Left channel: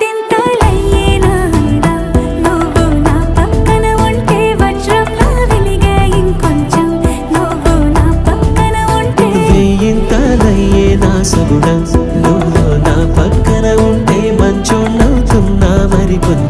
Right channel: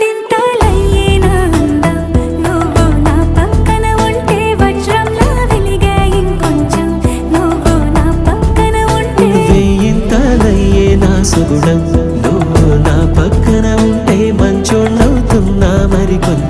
వందింతలయ్యేనా అందం నువ్వు నా పక్కన ఉంటే వజ్రంలా వెలిగే ఇంకొంచెం నువ్వు నా పక్కన ఉంటే వేయింతలయ్యేనా సుగుణం నువ్వు నా పక్కన ఉంటే మంచోళ్ళవుతున్నా మరి కొంచెం